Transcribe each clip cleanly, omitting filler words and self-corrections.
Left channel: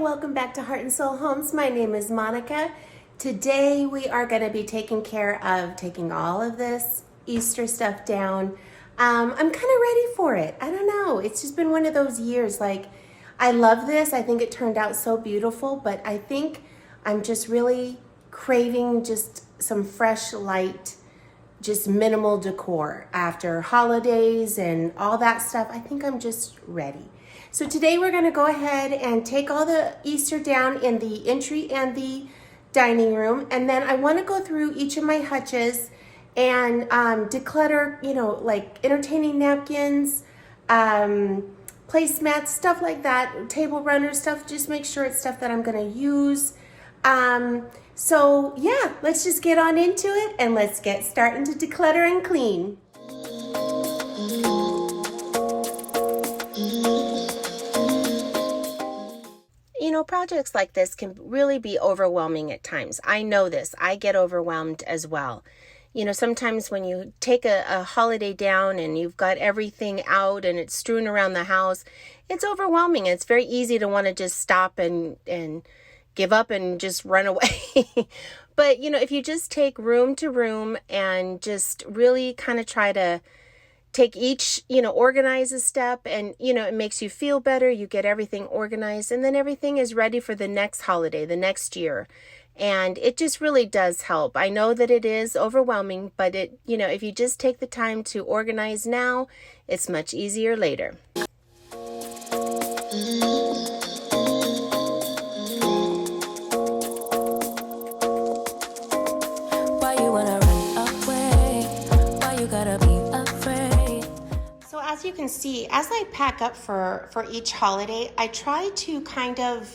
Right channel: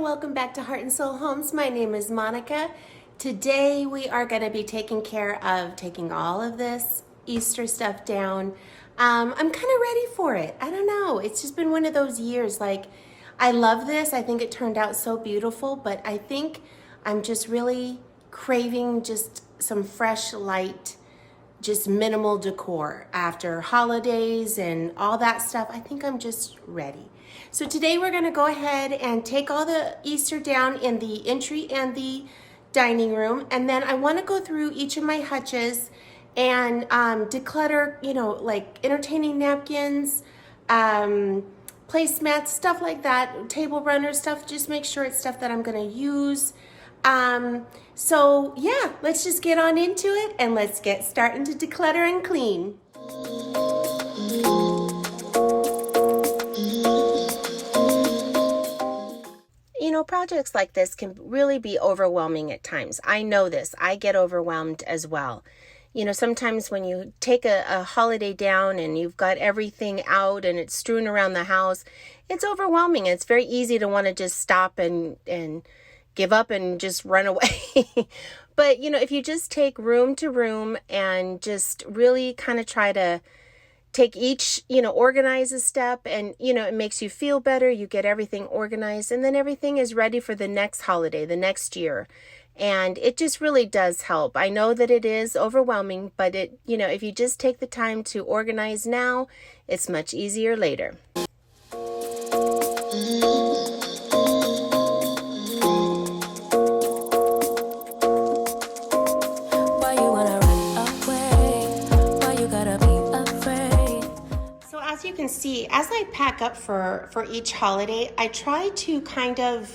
and welcome back to Heart and Soul Homes. My name is Monica. Today we are going to be taking care of taking all of this Easter stuff down. I'm kind of ready for it. I don't know. It's just been one of those years. Like, I love this. I think it turned out so beautiful, but I think I'm just really craving just some fresh, light, just minimal decor after holidays and all that stuff. I think I'm just ready. So today we're going to go ahead and take all the Easter down in the entry and the dining room, and then I want to go through each of my hutches and declutter, you know, like entertaining napkins, placemats, stuff like that, table runners stuff. Just make sure it's stuff that I'm going to use. So yeah, let's just get on into it and let's get starting to declutter and clean. You know, projects like this can really be overwhelming at times. I know this. I get overwhelmed as well. You know, sometimes when you take a holiday down and you've got everything out and it's strewn around the house, it's overwhelming. It's very easy to want to just stop and give up and just run away. But, you know, if you just take room to room and just really kind of try to take each, you know, organize a step, and, you know, it makes you feel better. You get everything organized, and then everything is ready for the next holiday, the next year. And it just really does help. I know that it is overwhelming, but it, you know, if you just take the time to organize now, it's much easier later. Why you wanna run away? Why you gotta be afraid? So as you can see, as I pack up for each holiday, I try to kind of,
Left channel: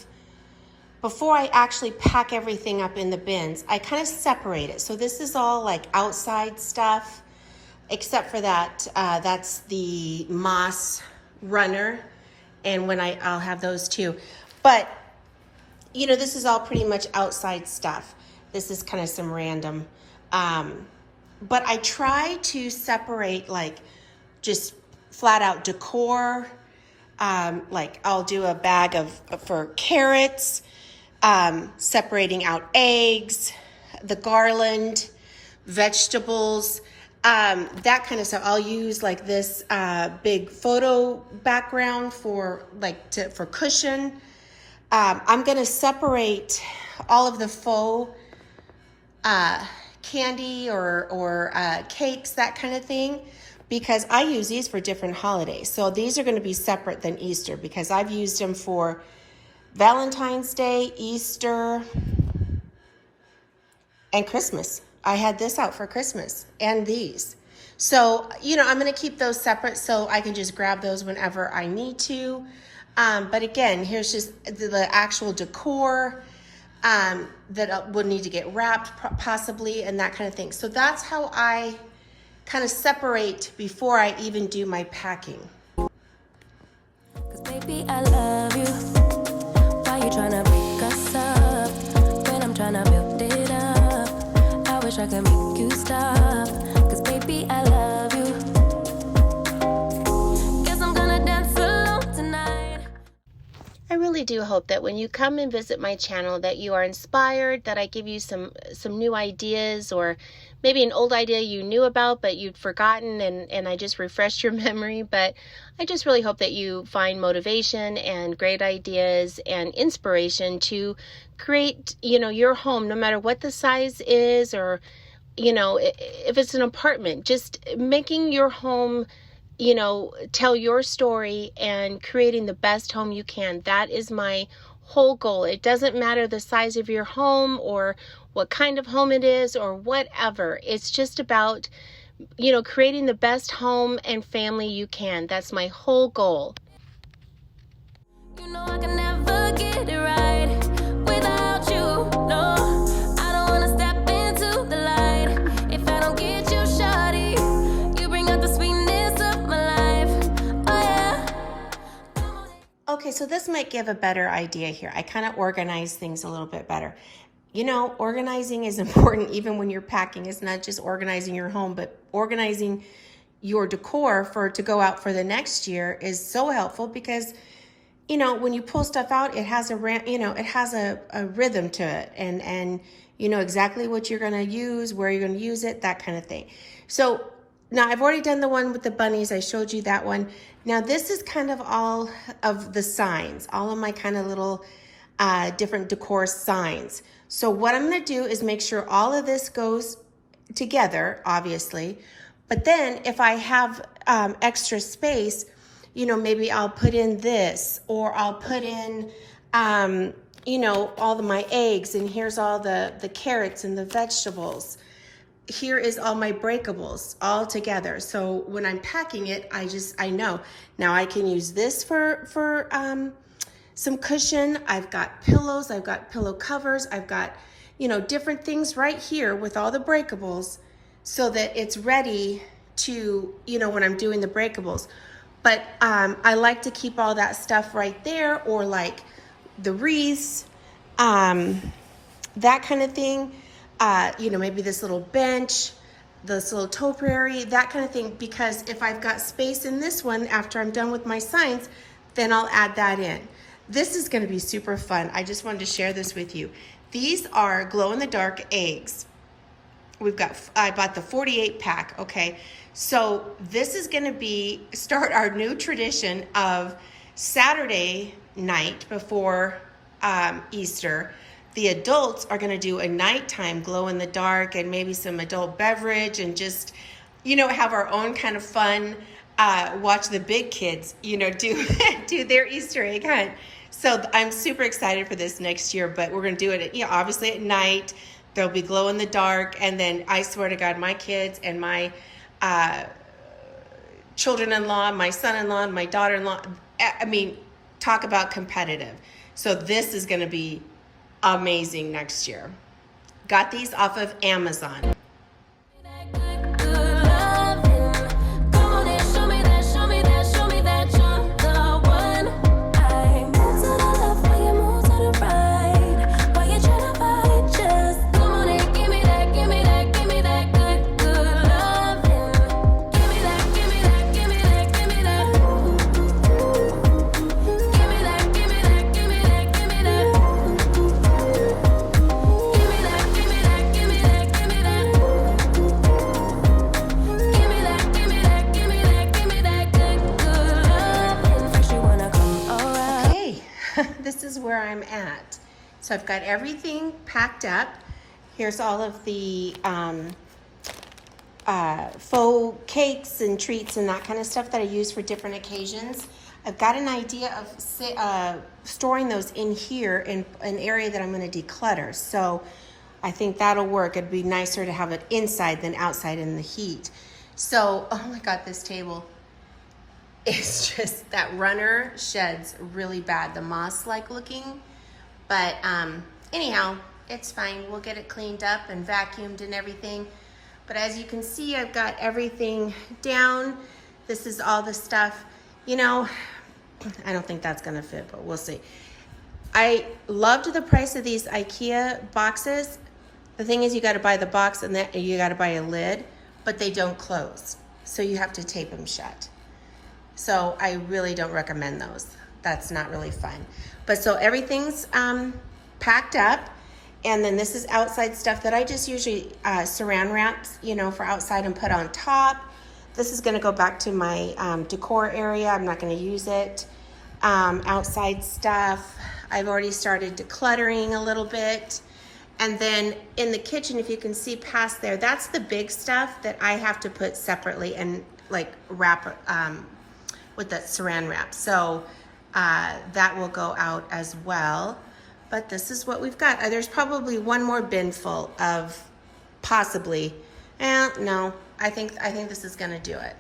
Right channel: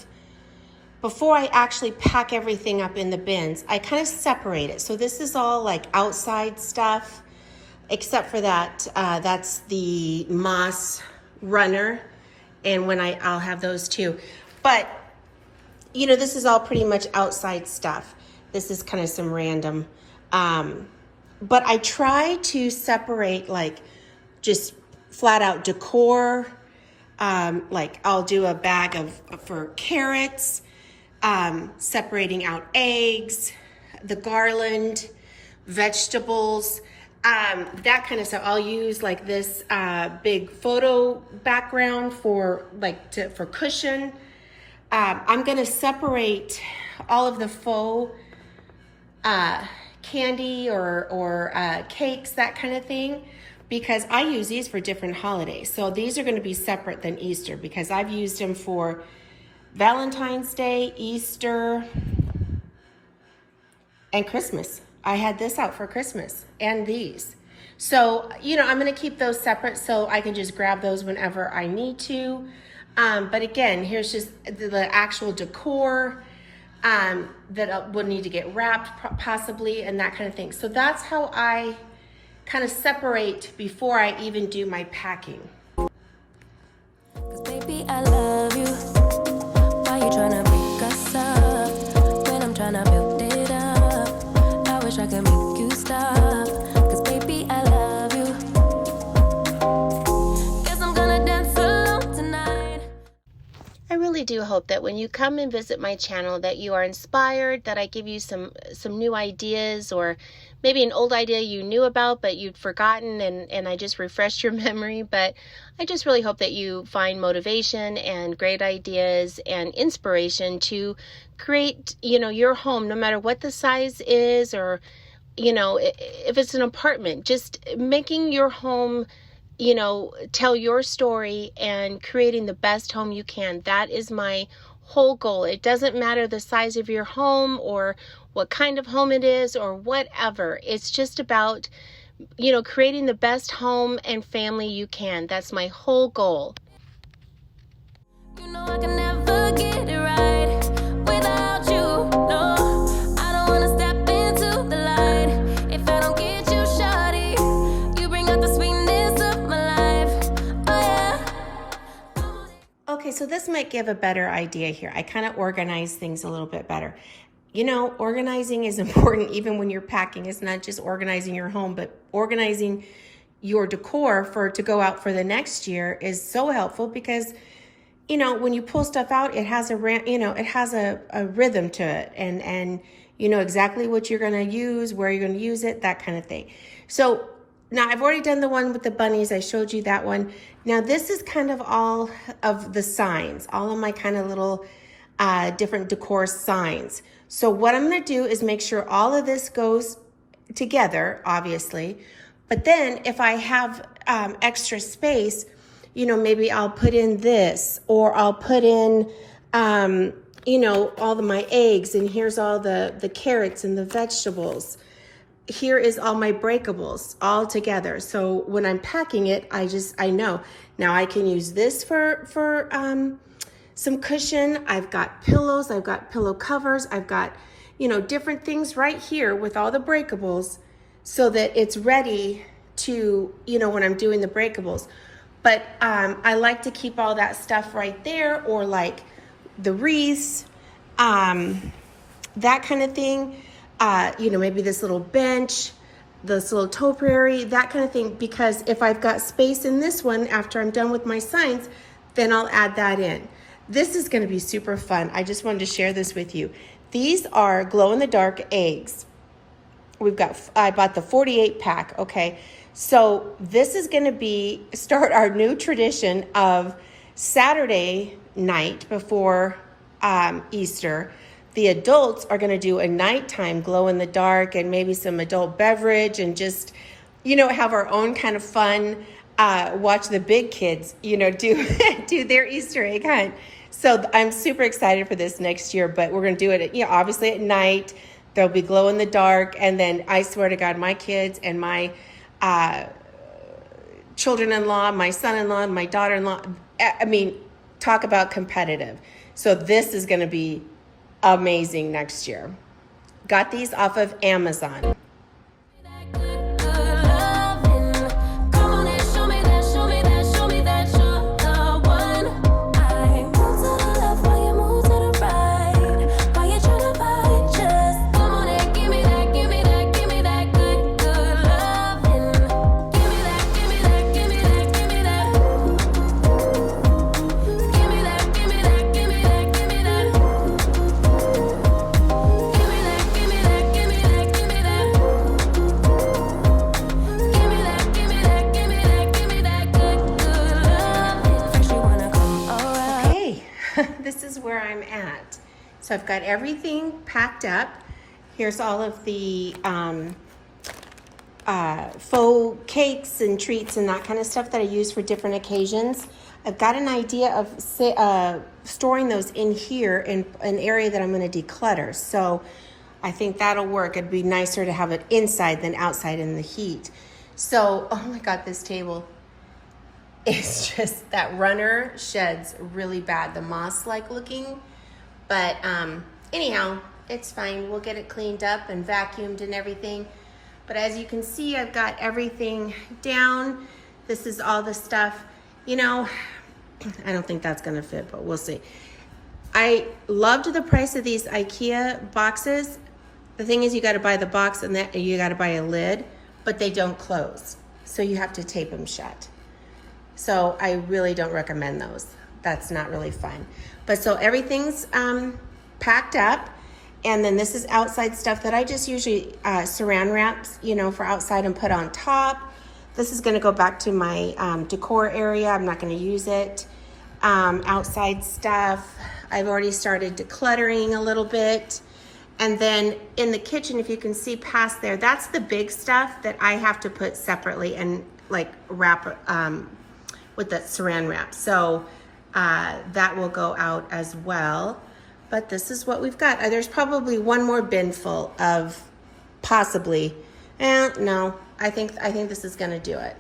before I actually pack everything up in the bins, I kind of separate it. So this is all like outside stuff, except for that, that's the moss runner. And when I'll have those too. But, you know, this is all pretty much outside stuff. This is kind of some random, but I try to separate like just flat out decor. Like I'll do a bag for carrots, separating out eggs, the garland, vegetables, that kind of stuff. I'll use like this big photo background for for cushion. I'm gonna separate all of the faux candy or cakes, that kind of thing, because I use these for different holidays. So these are going to be separate than Easter, because I've used them for Valentine's Day, Easter, and Christmas. I had this out for Christmas and these. So, you know, I'm going to keep those separate so I can just grab those whenever I need to. But again, here's just the actual decor that would need to get wrapped possibly, and that kind of thing. So that's how I kind of separate before I even do my packing. 'Cause baby, I love you. Why you tryna break us up when I'm tryna build it up? I wish I could make you stop. 'Cause baby, I love you. Guess I'm gonna dance alone tonight. I really do hope that when you come and visit my channel that you are inspired, that I give you some new ideas, or maybe an old idea you knew about but you'd forgotten, and I just refreshed your memory. But I just really hope that you find motivation and great ideas and inspiration to create, you know, your home, no matter what the size is, or, you know, if it's an apartment, just making your home, you know, tell your story and creating the best home you can. That is my whole goal. It doesn't matter the size of your home or what kind of home it is or whatever. It's just about, you know, creating the best home and family you can. That's my whole goal. You know I can never get it right without you. No, I don't wanna step into the light if I don't get you, shawty. You bring out the sweetness of my life. Oh yeah. Okay, so this might give a better idea here. I kind of organize things a little bit better. You know, organizing is important even when you're packing. It's not just organizing your home, but organizing your decor to go out for the next year is so helpful, because you know, when you pull stuff out, it has it has a rhythm to it, and you know exactly what you're gonna use, where you're gonna use it, that kind of thing. So now I've already done the one with the bunnies. I showed you that one. Now this is kind of all of the signs, all of my kind of little different decor signs. So what I'm gonna do is make sure all of this goes together, obviously, but then if I have extra space, you know, maybe I'll put in this, or I'll put in, you know, all of my eggs, and here's all the carrots and the vegetables. Here is all my breakables all together. So when I'm packing it, I know. Now I can use this for some cushion. I've got pillows, I've got pillow covers, I've got, you know, different things right here with all the breakables so that it's ready to, you know, when I'm doing the breakables. But I like to keep all that stuff right there, or like the wreaths, that kind of thing. You know, maybe this little bench, this little topiary, that kind of thing. Because if I've got space in this one after I'm done with my signs, then I'll add that in. This is gonna be super fun. I just wanted to share this with you. These are glow-in-the-dark eggs. I bought the 48 pack, okay? So this is gonna start our new tradition of Saturday night before Easter. The adults are gonna do a nighttime glow in the dark and maybe some adult beverage, and just, you know, have our own kind of fun, watch the big kids, you know, do their Easter egg hunt. So I'm super excited for this next year, but we're gonna do it at, you know, obviously at night. There'll be glow in the dark, and then I swear to God, my kids and my children-in-law, my son-in-law, and my daughter-in-law, I mean, talk about competitive. So this is gonna be amazing next year. Got these off of Amazon. This is where I'm at. So I've got everything packed up. Here's all of the faux cakes and treats and that kind of stuff that I use for different occasions. I've got an idea of storing those in here in an area that I'm going to declutter. So I think that'll work. It'd be nicer to have it inside than outside in the heat. So, oh my God, this table. It's just that runner sheds really bad, the moss-like looking. But anyhow, it's fine. We'll get it cleaned up and vacuumed and everything. But as you can see, I've got everything down. This is all the stuff. You know, I don't think that's gonna fit, but we'll see. I loved the price of these IKEA boxes. The thing is, you gotta buy the box and then you gotta buy a lid, but they don't close. So you have to tape them shut. So I really don't recommend those. That's not really fun. But so everything's packed up. And then this is outside stuff that I just usually saran wraps, you know, for outside and put on top. This is gonna go back to my decor area. I'm not gonna use it. Outside stuff, I've already started decluttering a little bit. And then in the kitchen, if you can see past there, that's the big stuff that I have to put separately and like wrap with that saran wrap. So that will go out as well. But this is what we've got. There's probably one more bin full of possibly, no, I think this is gonna do it.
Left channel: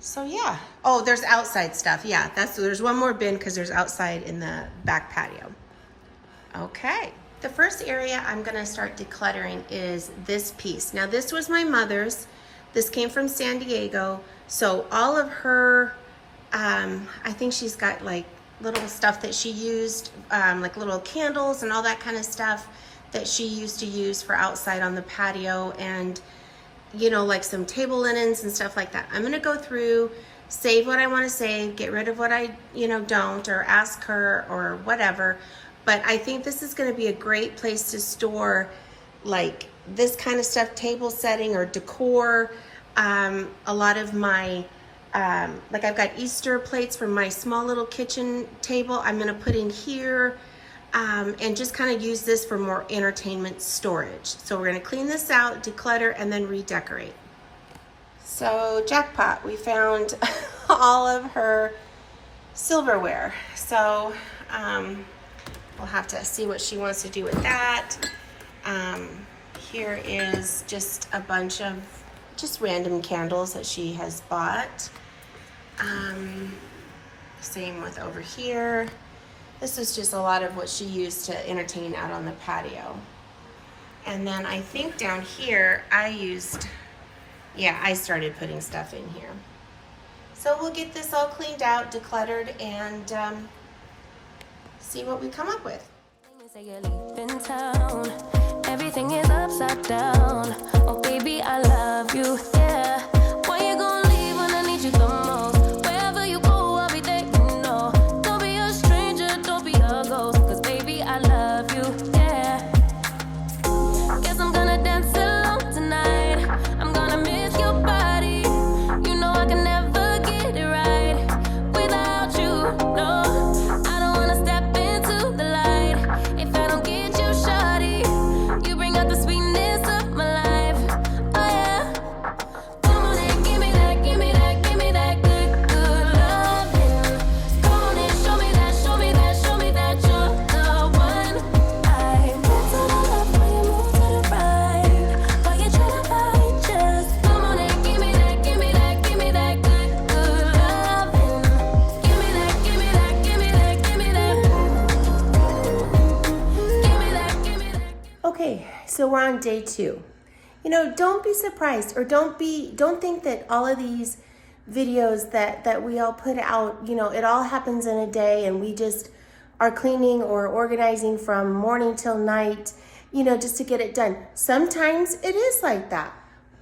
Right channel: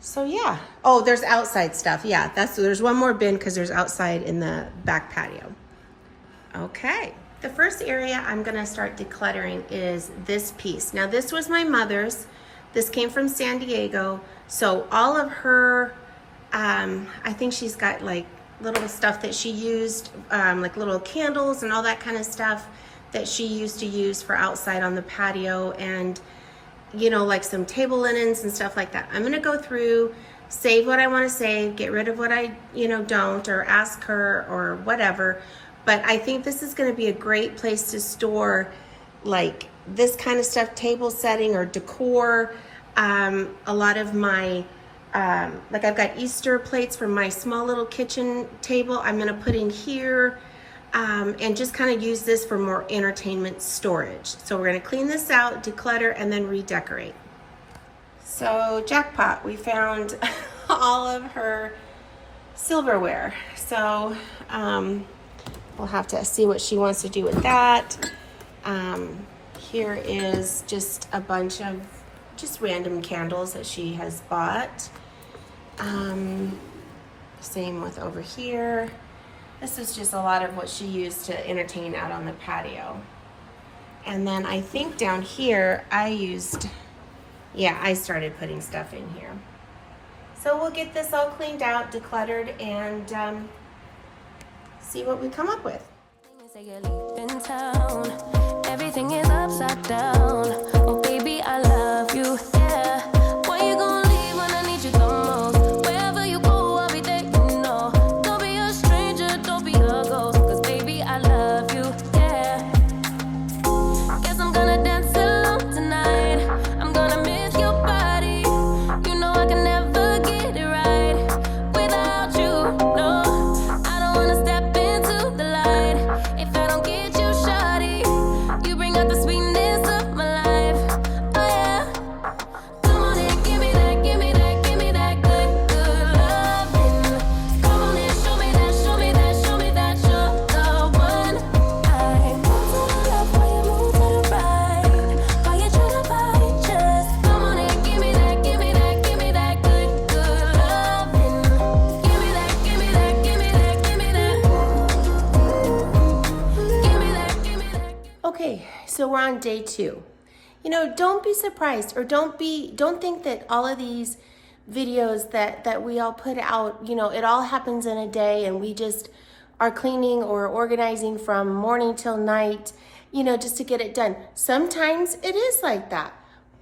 So yeah. Oh, there's outside stuff. Yeah, there's one more bin because there's outside in the back patio. Okay. The first area I'm gonna start decluttering is this piece. Now this was my mother's. This came from San Diego. So all of her, I think she's got like little stuff that she used, like little candles and all that kind of stuff that she used to use for outside on the patio, and you know, like some table linens and stuff like that. I'm gonna go through save what I want to save, get rid of what I, don't, or ask her or whatever. But I think this is going to be a great place to store like this kind of stuff, table setting or decor. A lot of my, like I've got Easter plates from my small little kitchen table I'm going to put in here, and just kind of use this for more entertainment storage. So we're going to clean this out, declutter, and then redecorate. So jackpot, we found all of her silverware. So we'll have to see what she wants to do with that. Here is just a bunch of just random candles that she has bought. Same with over here. This is just a lot of what she used to entertain out on the patio. And then I think down here I started putting stuff in here. So we'll get this all cleaned out, decluttered, and see what we come up with. Say you're leaving town. Everything is upside down. Oh baby, I love you, yeah. Why you gonna leave when I need you the most? Wherever you go, I'll be there, Don't be a stranger, don't be a ghost. Cause baby, I love you, yeah. Guess I'm gonna dance alone tonight. I'm gonna miss your body. I can never get it right without you, no. I don't wanna step into the light if I don't get you, shawty. You bring out the sweetness of my life, oh yeah. Come on and give me that, give me that, give me that good, good loving. Come on and show me that, show me that, show me that you're the one. I move to the left while you move to the right. While you try to fight, just come on and give me that, give me that, give me that good, good loving. Give me that, give me that, give me that, give me that. Give me that, give me that. Okay, so we're on day 2. Don't be surprised, or don't think that all of these videos that we all put out, it all happens in a day and we just are cleaning or organizing from morning till night, just to get it done. Sometimes it is like that,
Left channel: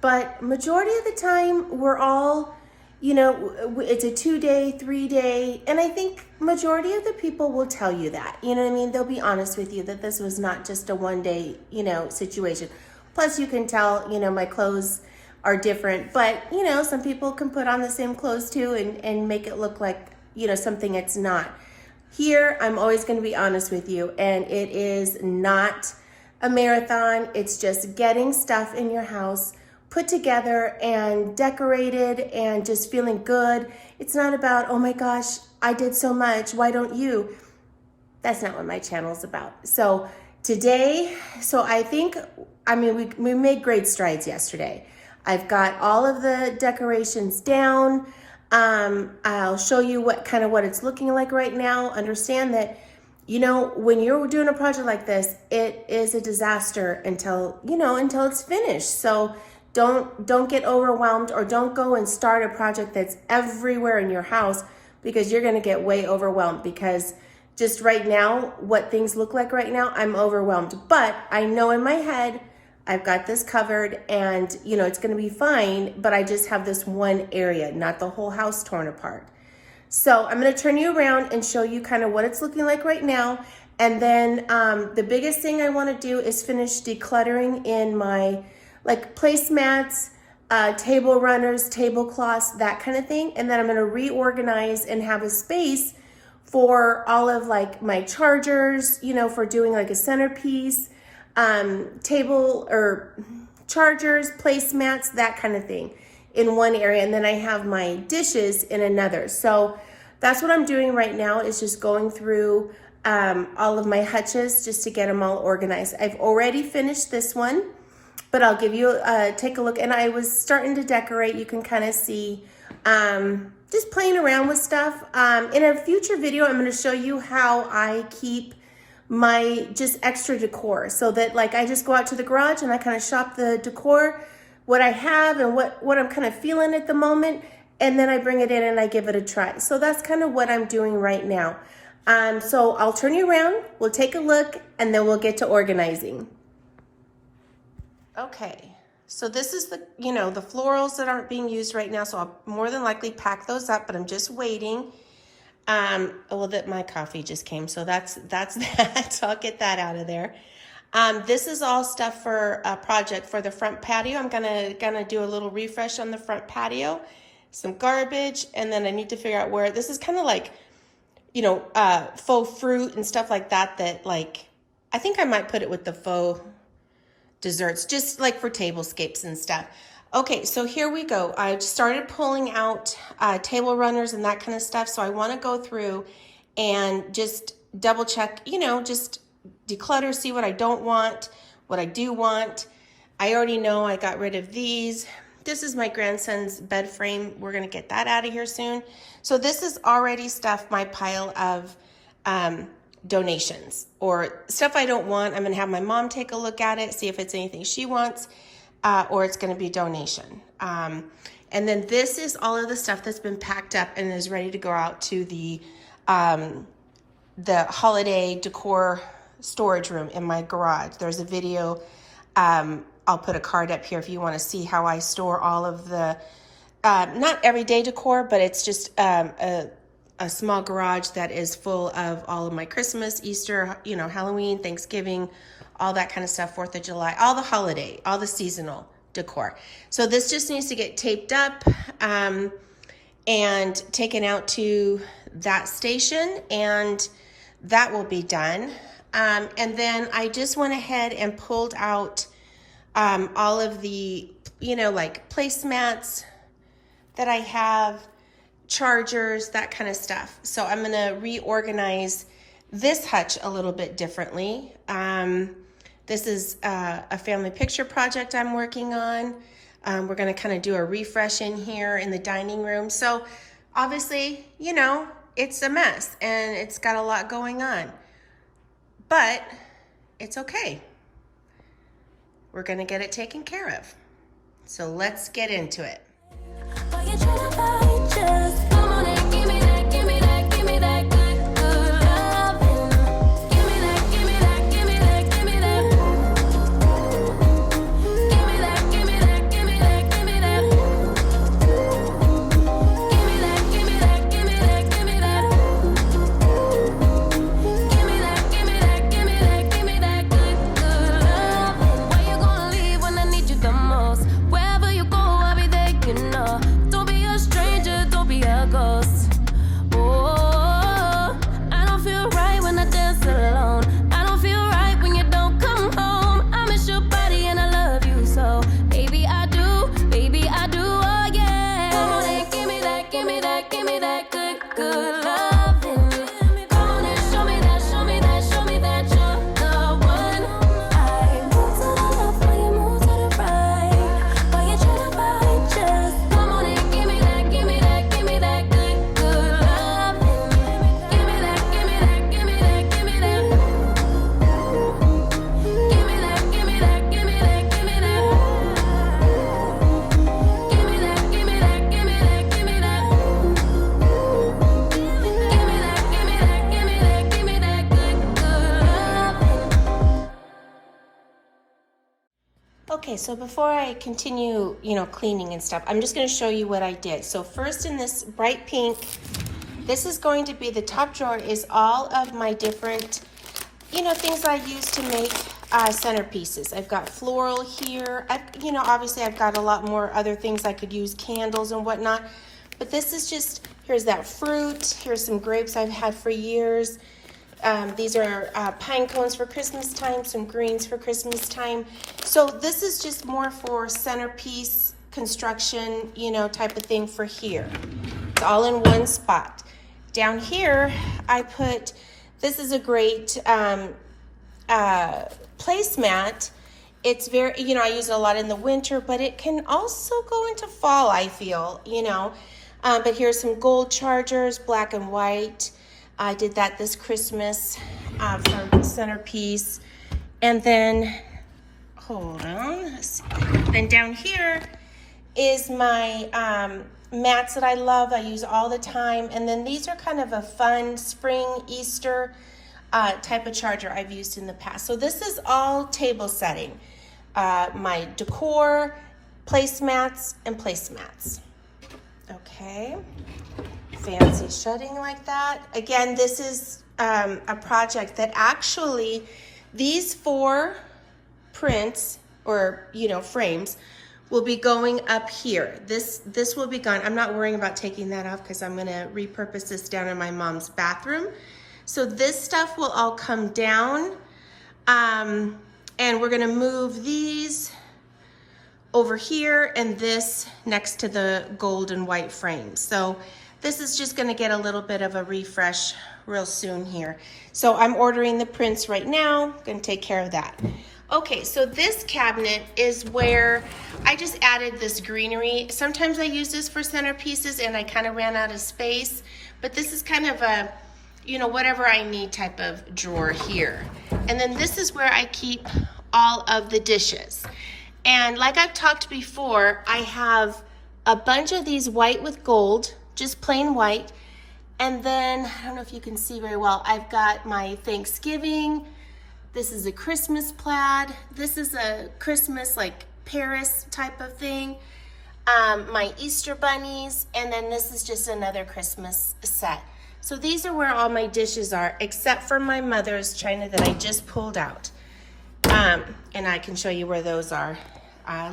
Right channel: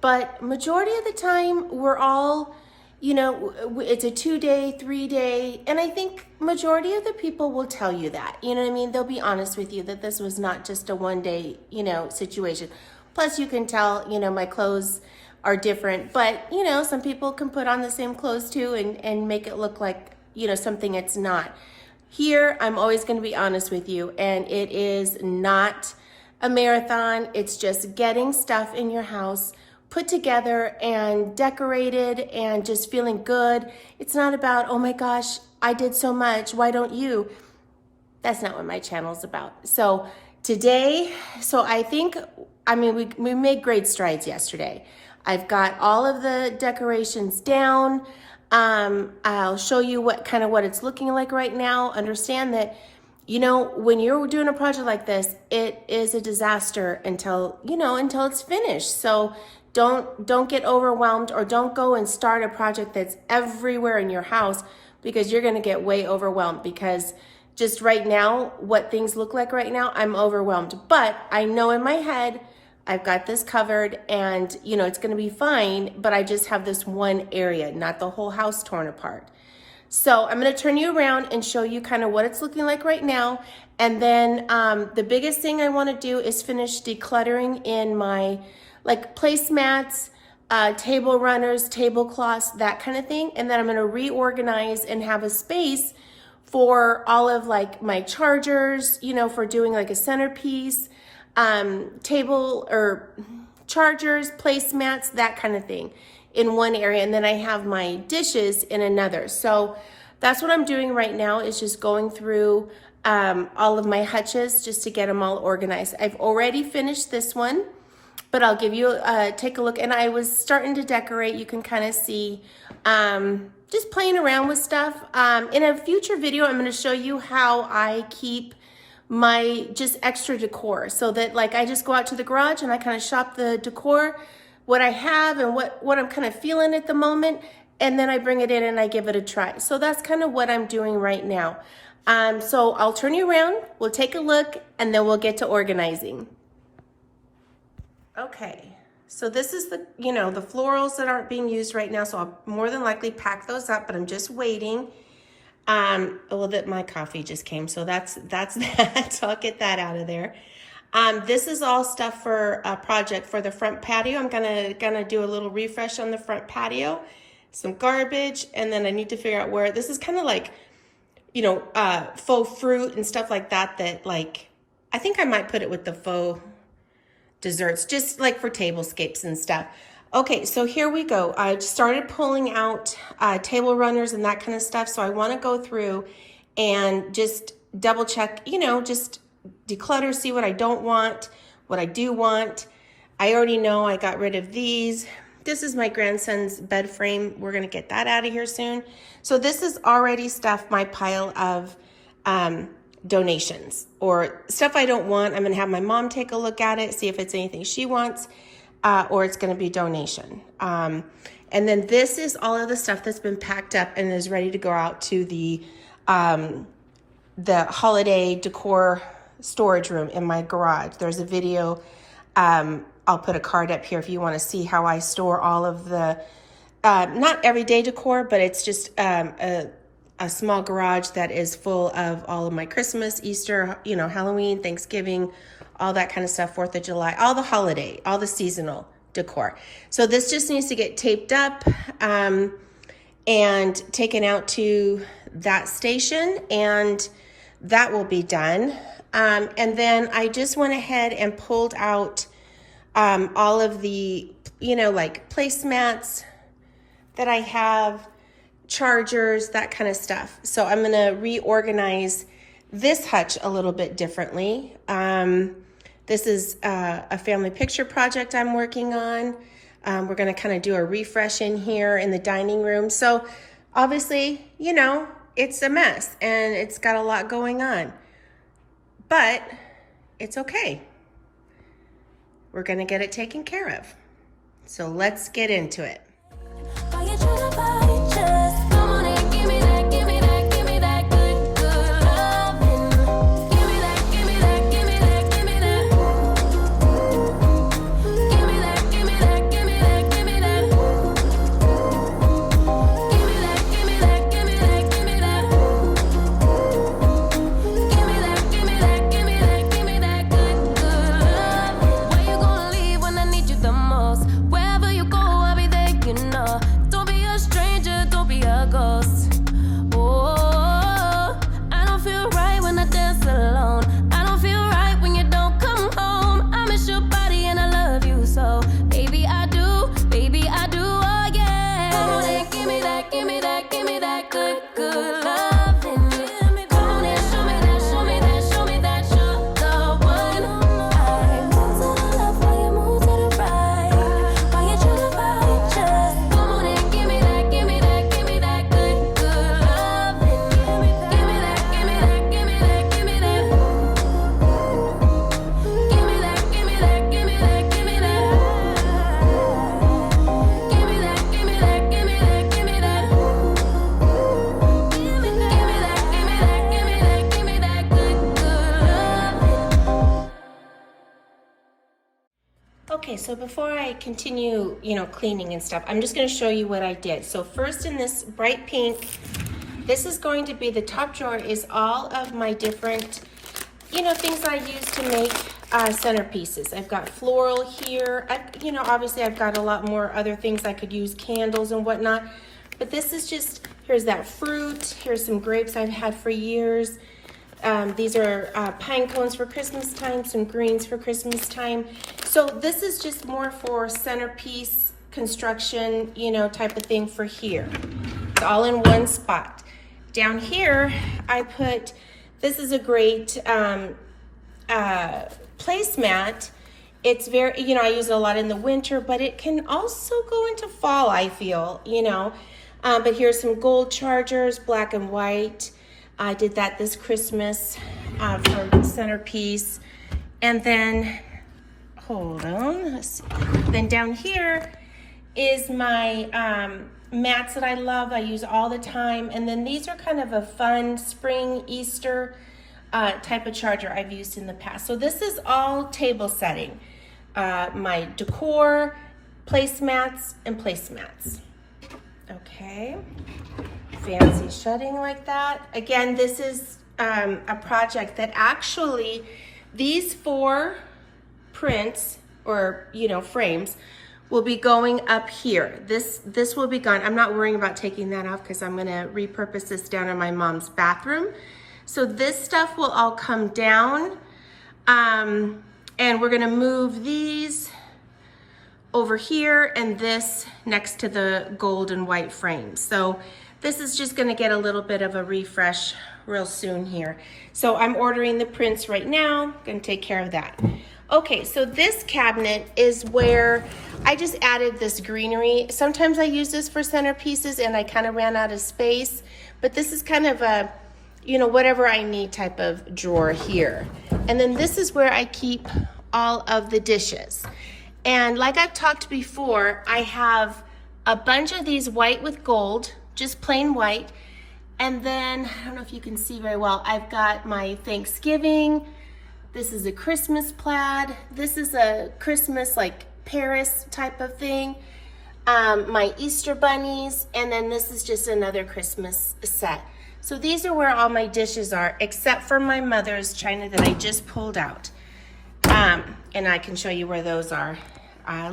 but majority of the time we're all, it's a 2-day, 3-day, and I think majority of the people will tell you that, They'll be honest with you that this was not just a 1-day, situation. Plus you can tell, my clothes are different, but some people can put on the same clothes too and make it look like, something it's not. Here, I'm always going to be honest with you, and it is not a marathon. It's just getting stuff in your house put together and decorated and just feeling good. It's not about, oh my gosh, I did so much, why don't you? That's not what my channel is about. So today, I think, we made great strides yesterday. I've got all of the decorations down. I'll show you what it's looking like right now. Understand that, when you're doing a project like this, it is a disaster until it's finished. So don't get overwhelmed, or don't go and start a project that's everywhere in your house, because you're going to get way overwhelmed. Because just right now, what things look like right now, I'm overwhelmed. But I know in my head, I've got this covered, and it's going to be fine, but I just have this one area, not the whole house torn apart. So I'm going to turn you around and show you what it's looking like right now. And then the biggest thing I want to do is finish decluttering in my placemats, table runners, tablecloths, that kind of thing. And then I'm going to reorganize and have a space for all of my chargers, for doing a centerpiece, table or chargers, placemats, that kind of thing in one area. And then I have my dishes in another. So that's what I'm doing right now, is just going through all of my hutches just to get them all organized. I've already finished this one, but I'll give you take a look. And I was starting to decorate. You can kind of see just playing around with stuff. In a future video, I'm going to show you how I keep my just extra decor, so that I just go out to the garage and I kind of shop the decor, what I have and what I'm kind of feeling at the moment, and then I bring it in and I give it a try. So that's kind of what I'm doing right now. So I'll turn you around, we'll take a look, and then we'll get to organizing. Okay, So this is the, you know, the florals that aren't being used right now. So I'll more than likely pack those up, but I'm just waiting. Well, that my coffee just came, so that's that. So I'll get that out of there. This is all stuff for a project for the front patio. I'm gonna do a little refresh on the front patio, some garbage, and then I need to figure out where, this is kind of like, you know, faux fruit and stuff like that, that like, I think I might put it with the faux desserts, just like for tablescapes and stuff. Okay, so here we go. I started pulling out table runners and that kind of stuff. So I want to go through and just double check, you know, just declutter, see what I don't want, what I do want. I already know I got rid of these. This is my grandson's bed frame. We're going to get that out of here soon. So this is already stuff, my pile of donations or stuff I don't want. I'm going to have my mom take a look at it, see if it's anything she wants. Or it's going to be donation. And then this is all of the stuff that's been packed up and is ready to go out to the holiday decor storage room in my garage. There's a video. I'll put a card up here if you want to see how I store all of the, not everyday decor, but it's just a small garage that is full of all of my Christmas, Easter, you know, Halloween, Thanksgiving, all that kind of stuff, 4th of July, all the holiday, all the seasonal decor. So this just needs to get taped up and taken out to that station, and that will be done. And then I just went ahead and pulled out all of the, you know, like placemats that I have, chargers, that kind of stuff. So I'm going to reorganize this hutch a little bit differently. This is a family picture project I'm working on. We're going to kind of do a refresh in here in the dining room. So obviously, you know, it's a mess and it's got a lot going on, but it's okay. We're going to get it taken care of. So let's get into it. Why you tryna fight? Just come on and give me that, give me that, give me that good, good loving. Give me that, give me that, give me that, give me that. Give me that, give me that, give me that, give me that. Give me that, give me that, give me that, give me that. Give me that, give me that, give me that, give me that good, good loving. Where you gonna leave when I need you the most? Wherever you go, I'll be there, you know. Don't be a stranger, don't be a ghost. Oh, I don't feel right when I dance alone. I don't feel right when you don't come home. I miss your body and I love you so. Baby, I do, oh yeah. Come on and give me that, give me that, give me that good, good loving. Come on and show me that, show me that, show me that you're the one. I move to the left while you move to the right. Why you tryna fight? Just come on and give me that, give me that, give me that good, good loving. Give me that, give me that, give me that, give me that. Give me that, give me that, give me that, give me that. Give me that, give me that, give me that, give me that. Give me that, give me that, give me that, give me that good, good loving. Okay, so before I continue, you know, cleaning and stuff, I'm just going to show you what I did. So first, in this bright pink, this is going to be, the top drawer is all of my different, you know, things I use to make centerpieces. I've got floral here. You know, obviously I've got a lot more other things I could use, candles and whatnot. But this is just, here's that fruit. Here's some grapes I've had for years. These are pine cones for Christmas time, some greens for Christmas time. So this is just more for centerpiece construction, you know, type of thing for here. It's all in one spot. Down here, I put, this is a great placemat. It's very, you know, I use it a lot in the winter, but it can also go into fall, I feel, you know. But here's some gold chargers, black and white. I did that this Christmas for centerpiece. And then, hold on, let's see. Then down here is my mats that I love, I use all the time. And then these are kind of a fun spring, Easter type of charger I've used in the past. So this is all table setting. my Decor placemats and placemats. Okay, fancy shutting like that. Again, this is a project that actually, these 4 prints or, you know, frames will be going up here. This will be gone. I'm not worrying about taking that off because I'm gonna repurpose this down in my mom's bathroom. So this stuff will all come down, and we're gonna move these over here and this next to the gold and white frames. So this is just gonna get a little bit of a refresh real soon here. So I'm ordering the prints right now, gonna take care of that. Okay, so this cabinet is where I just added this greenery. Sometimes I use this for centerpieces and I kind of ran out of space, but this is kind of a, you know, whatever I need type of drawer here. And then this is where I keep all of the dishes. And like I've talked before, I have a bunch of these white with gold, just plain white. And then, I don't know if you can see very well, I've got my Thanksgiving. This is a Christmas plaid. This is a Christmas like Paris type of thing. My Easter bunnies, and then this is just another Christmas set. So these are where all my dishes are, except for my mother's china that I just pulled out. And I can show you where those are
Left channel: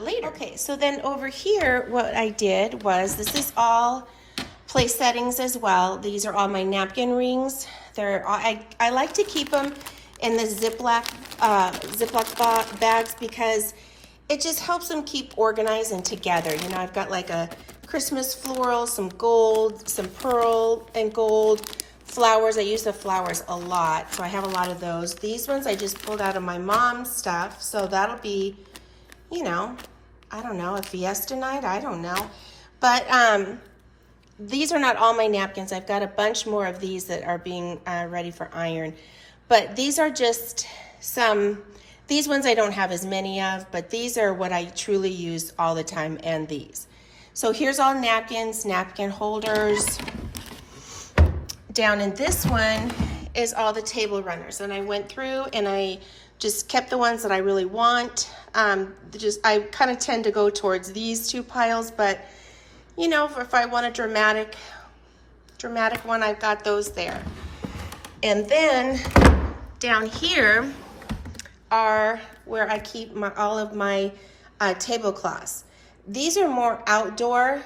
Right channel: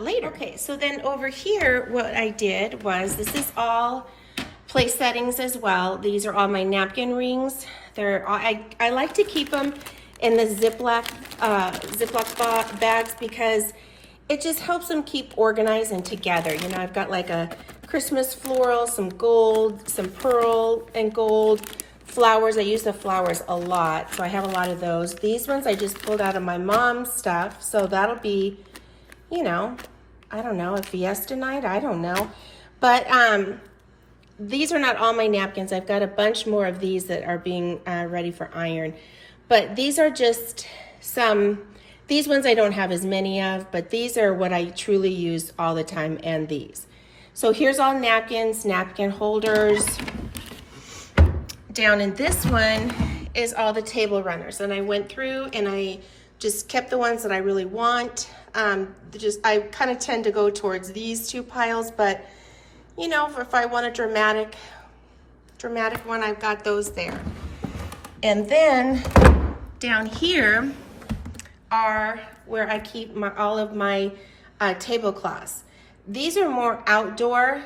later. Okay, so then over here, what I did was, this is all place settings as well. These are all my napkin rings. They're all, I like to keep them in the Ziploc bags because it just helps them keep organized and together. You know, I've got like a Christmas floral, some gold, some pearl and gold, flowers. I use the flowers a lot, so I have a lot of those. These ones I just pulled out of my mom's stuff, so that'll be, you know, I don't know, a fiesta night, I don't know. But these are not all my napkins. I've got a bunch more of these that are being ready for iron. But these are just some, these ones I don't have as many of, but these are what I truly use all the time, and these. So here's all napkins, napkin holders. Down in this one is all the table runners. And I went through and I just kept the ones that I really want. I kind of tend to go towards these 2 piles, but you know, if I want a dramatic one, I've got those there. And then down here are where I keep all of my tablecloths. These are more outdoor.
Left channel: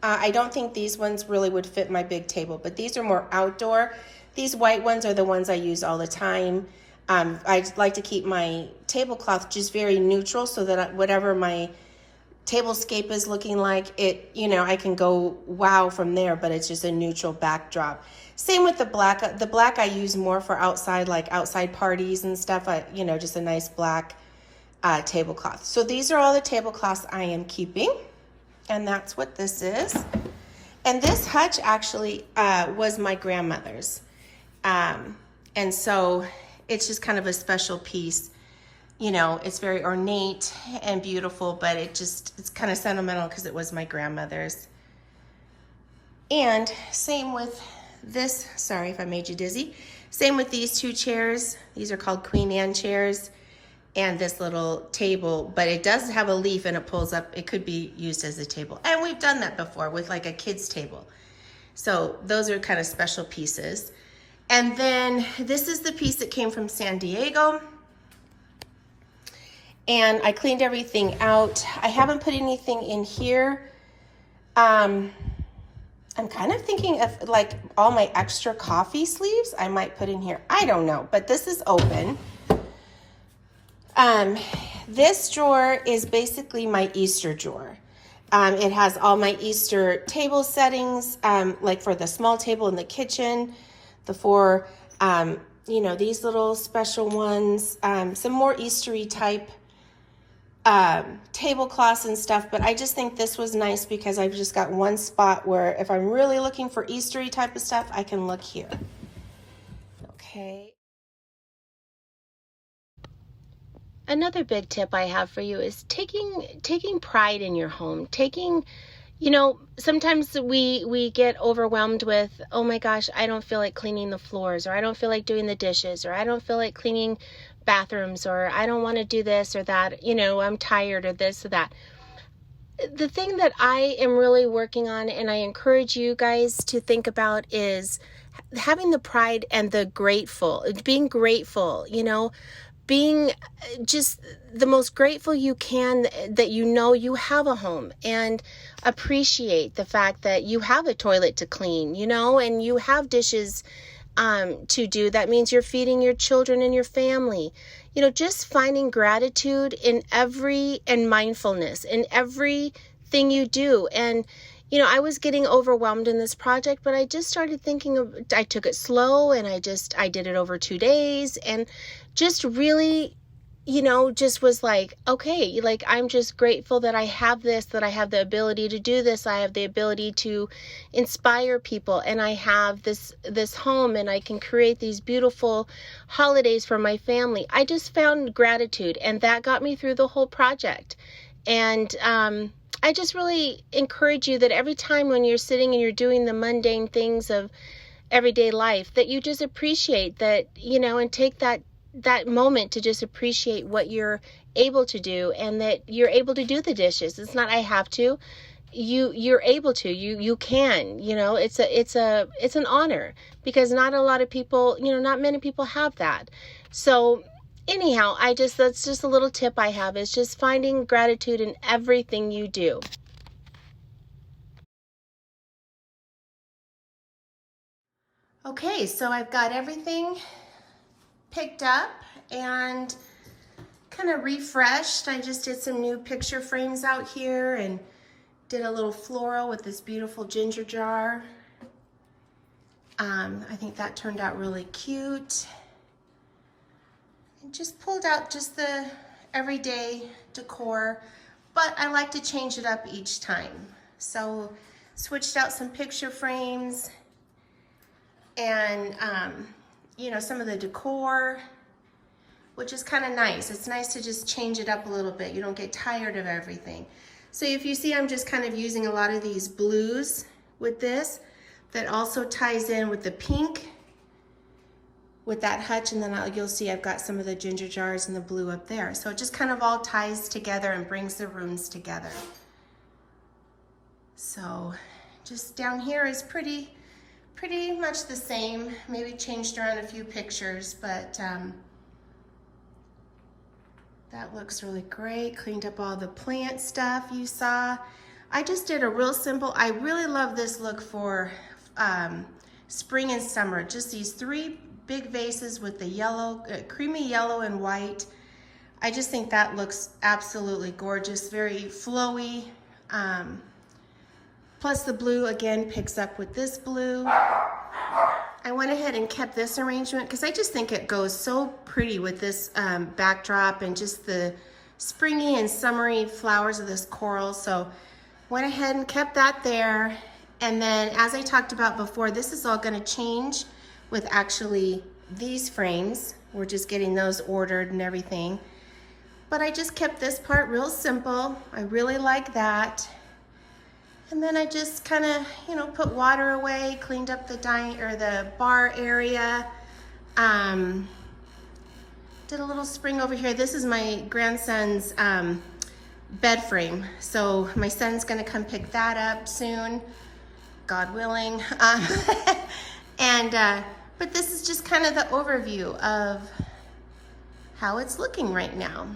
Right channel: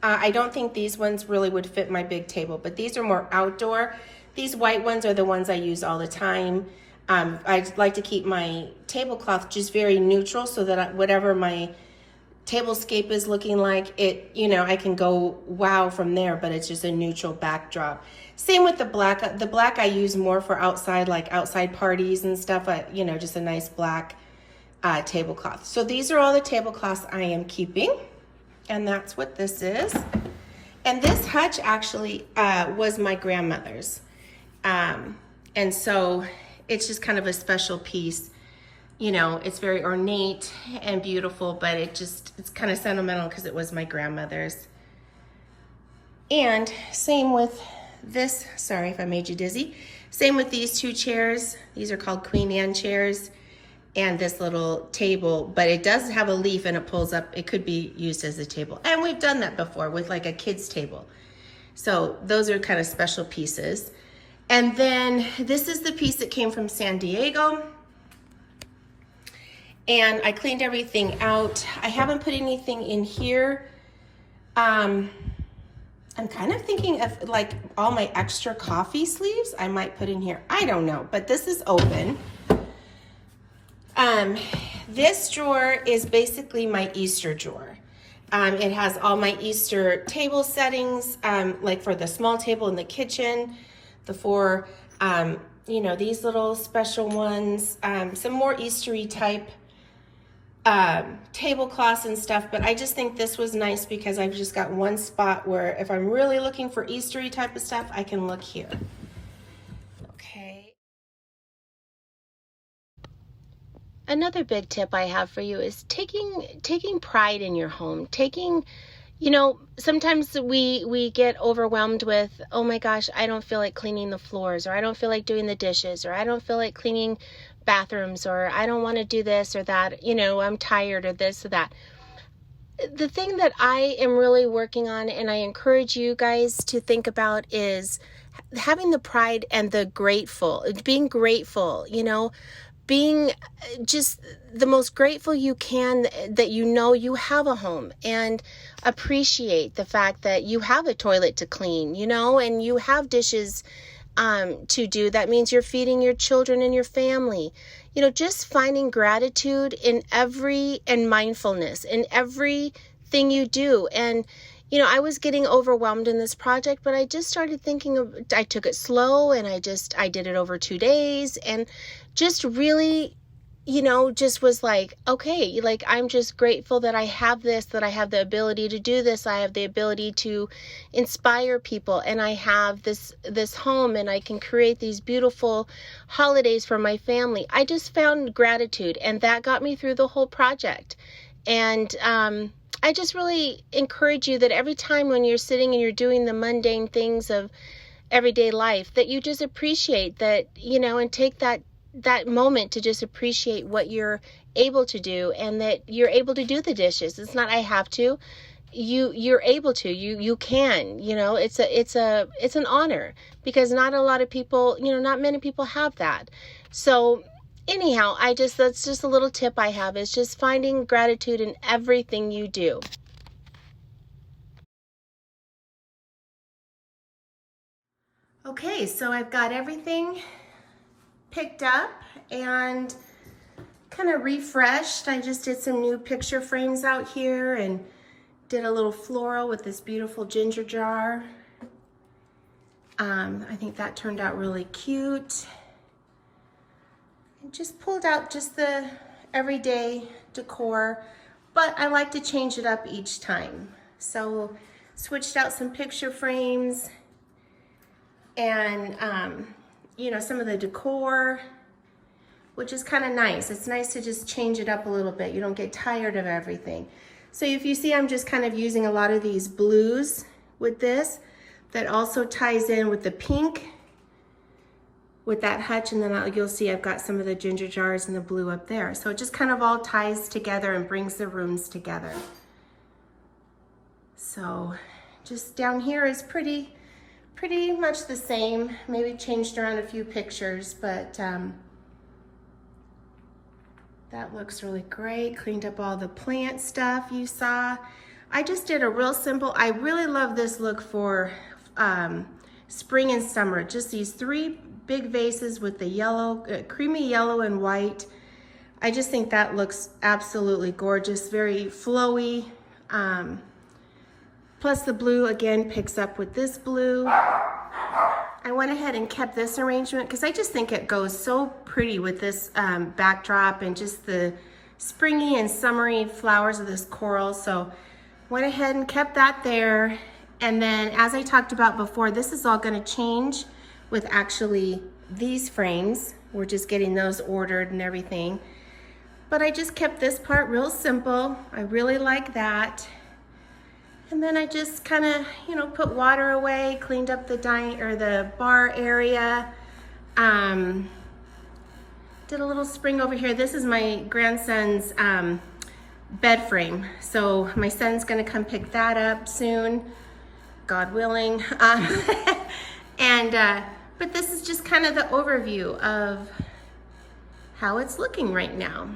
I don't think these ones really would fit my big table, but these are more outdoor. These white ones are the ones I use all the time. I like to keep my tablecloth just very neutral so that whatever my tablescape is looking like, it, you know, I can go wow from there, but it's just a neutral backdrop. Same with the black. The black I use more for outside, like outside parties and stuff, you know, just a nice black tablecloth. So these are all the tablecloths I am keeping, and that's what this is. And this hutch actually was my grandmother's. And so it's just kind of a special piece. You know, it's very ornate and beautiful, but it's kind of sentimental because it was my grandmother's. And same with this, sorry if I made you dizzy. Same with these 2 chairs. These are called Queen Anne chairs, and this little table, but it does have a leaf and it pulls up. It could be used as a table. And we've done that before with like a kid's table. So those are kind of special pieces. And then this is the piece that came from San Diego. And I cleaned everything out. I haven't put anything in here. I'm kind of thinking of like all my extra coffee sleeves I might put in here. I don't know, but this is open. This drawer is basically my Easter drawer. It has all my Easter table settings, like for the small table in the kitchen, the 4, you know, these little special ones, some more Eastery type tablecloths and stuff, but I just think this was nice because I've just got one spot where if I'm really looking for Eastery type of stuff, I can look here. Okay. Another big tip I have for you is taking pride in your home, taking, You know, sometimes we get overwhelmed with, oh my gosh, I don't feel like cleaning the floors, or I don't feel like doing the dishes, or I don't feel like cleaning bathrooms, or I don't want to do this or that, you know, I'm tired or this or that. The thing that I am really working on, and I encourage you guys to think about, is having the pride and the grateful, being grateful, you know, being just the most grateful you can that you know you have a home, and appreciate the fact that you have a toilet to clean, you know, and you have dishes to do. That means you're feeding your children and your family. You know, just finding gratitude in and mindfulness in everything you do. And, you know, I was getting overwhelmed in this project, but I just started thinking I took it slow, and I did it over 2 days, and just really, you know, just was like, okay, like, I'm just grateful that I have this, that I have the ability to do this. I have the ability to inspire people, and I have this home, and I can create these beautiful holidays for my family. I just found gratitude, and that got me through the whole project. And I just really encourage you that every time when you're sitting and you're doing the mundane things of everyday life, that you just appreciate that, you know, and take that moment to just appreciate what you're able to do, and that you're able to do the dishes. It's not I have to. You're able to. You can. You know, it's an honor, because not a lot of people, you know, not many people have that. So anyhow, that's just a little tip I have, is just finding gratitude in everything you do. Okay, so I've got everything picked up and kind of refreshed. I just did some new picture frames out here and did a little floral with this beautiful ginger jar. I think that turned out really cute. And just pulled out just the everyday decor, but I like to change it up each time. So switched out some picture frames and you know, some of the decor, which is kind of nice. It's nice to just change it up a little bit. You don't get tired of everything. So if you see, I'm just kind of using a lot of these blues with this. That also ties in with the pink, with that hutch, and then you'll see I've got some of the ginger jars and the blue up there. So it just kind of all ties together and brings the rooms together. So just down here is pretty much the same, maybe changed around a few pictures, but that looks really great. Cleaned up all the plant stuff you saw. I just did a real simple, I really love this look for spring and summer. Just these 3 big vases with the yellow, creamy yellow and white. I just think that looks absolutely gorgeous, very flowy. Plus the blue again picks up with this blue. I went ahead and kept this arrangement because I just think it goes so pretty with this backdrop and just the springy and summery flowers of this coral. So went ahead and kept that there. And then, as I talked about before, this is all going to change with actually these frames. We're just getting those ordered and everything. But I just kept this part real simple. I really like that. And then I just kind of, you know, put water away, cleaned up the bar area. Did a little spring over here. This is my grandson's bed frame. So my son's gonna come pick that up soon, God willing. But this is just kind of the overview of how it's looking right now.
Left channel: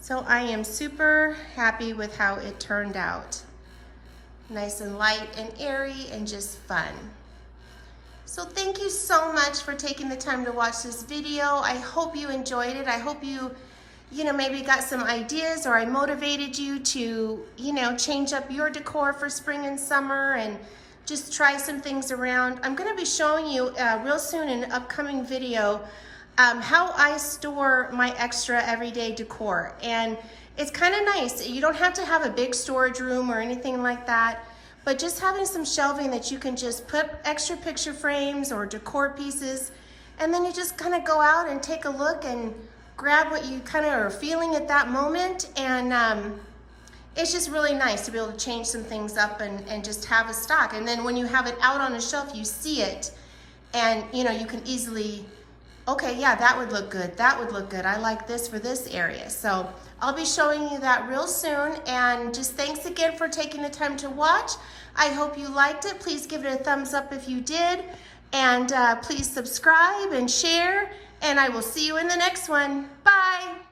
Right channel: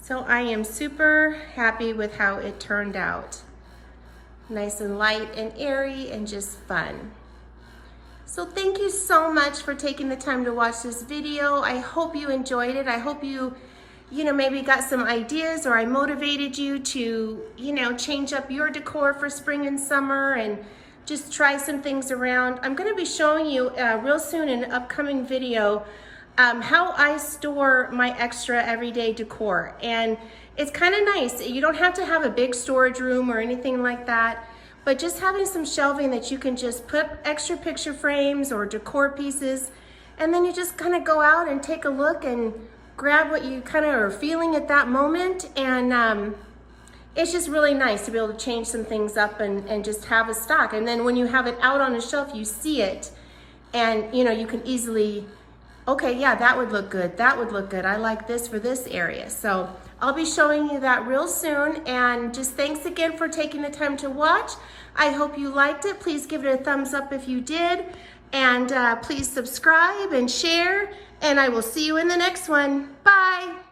So I am super happy with how it turned out. Nice and light and airy and just fun. So thank you so much for taking the time to watch this video. I hope you enjoyed it. I hope you maybe got some ideas, or I motivated you to, change up your decor for spring and summer and just try some things around. I'm gonna be showing you real soon in an upcoming video how I store my extra everyday decor. And it's kind of nice. You don't have to have a big storage room or anything like that, but just having some shelving that you can just put extra picture frames or decor pieces, and then you just kind of go out and take a look and grab what you kind of are feeling at that moment, and it's just really nice to be able to change some things up and just have a stock. And then when you have it out on a shelf, you see it, and you know, you can easily, okay, yeah, that would look good. That would look good. I like this for this area. So I'll be showing you that real soon. And just thanks again for taking the time to watch. I hope you liked it. Please give it a thumbs up if you did. And please subscribe and share. And I will see you in the next one. Bye.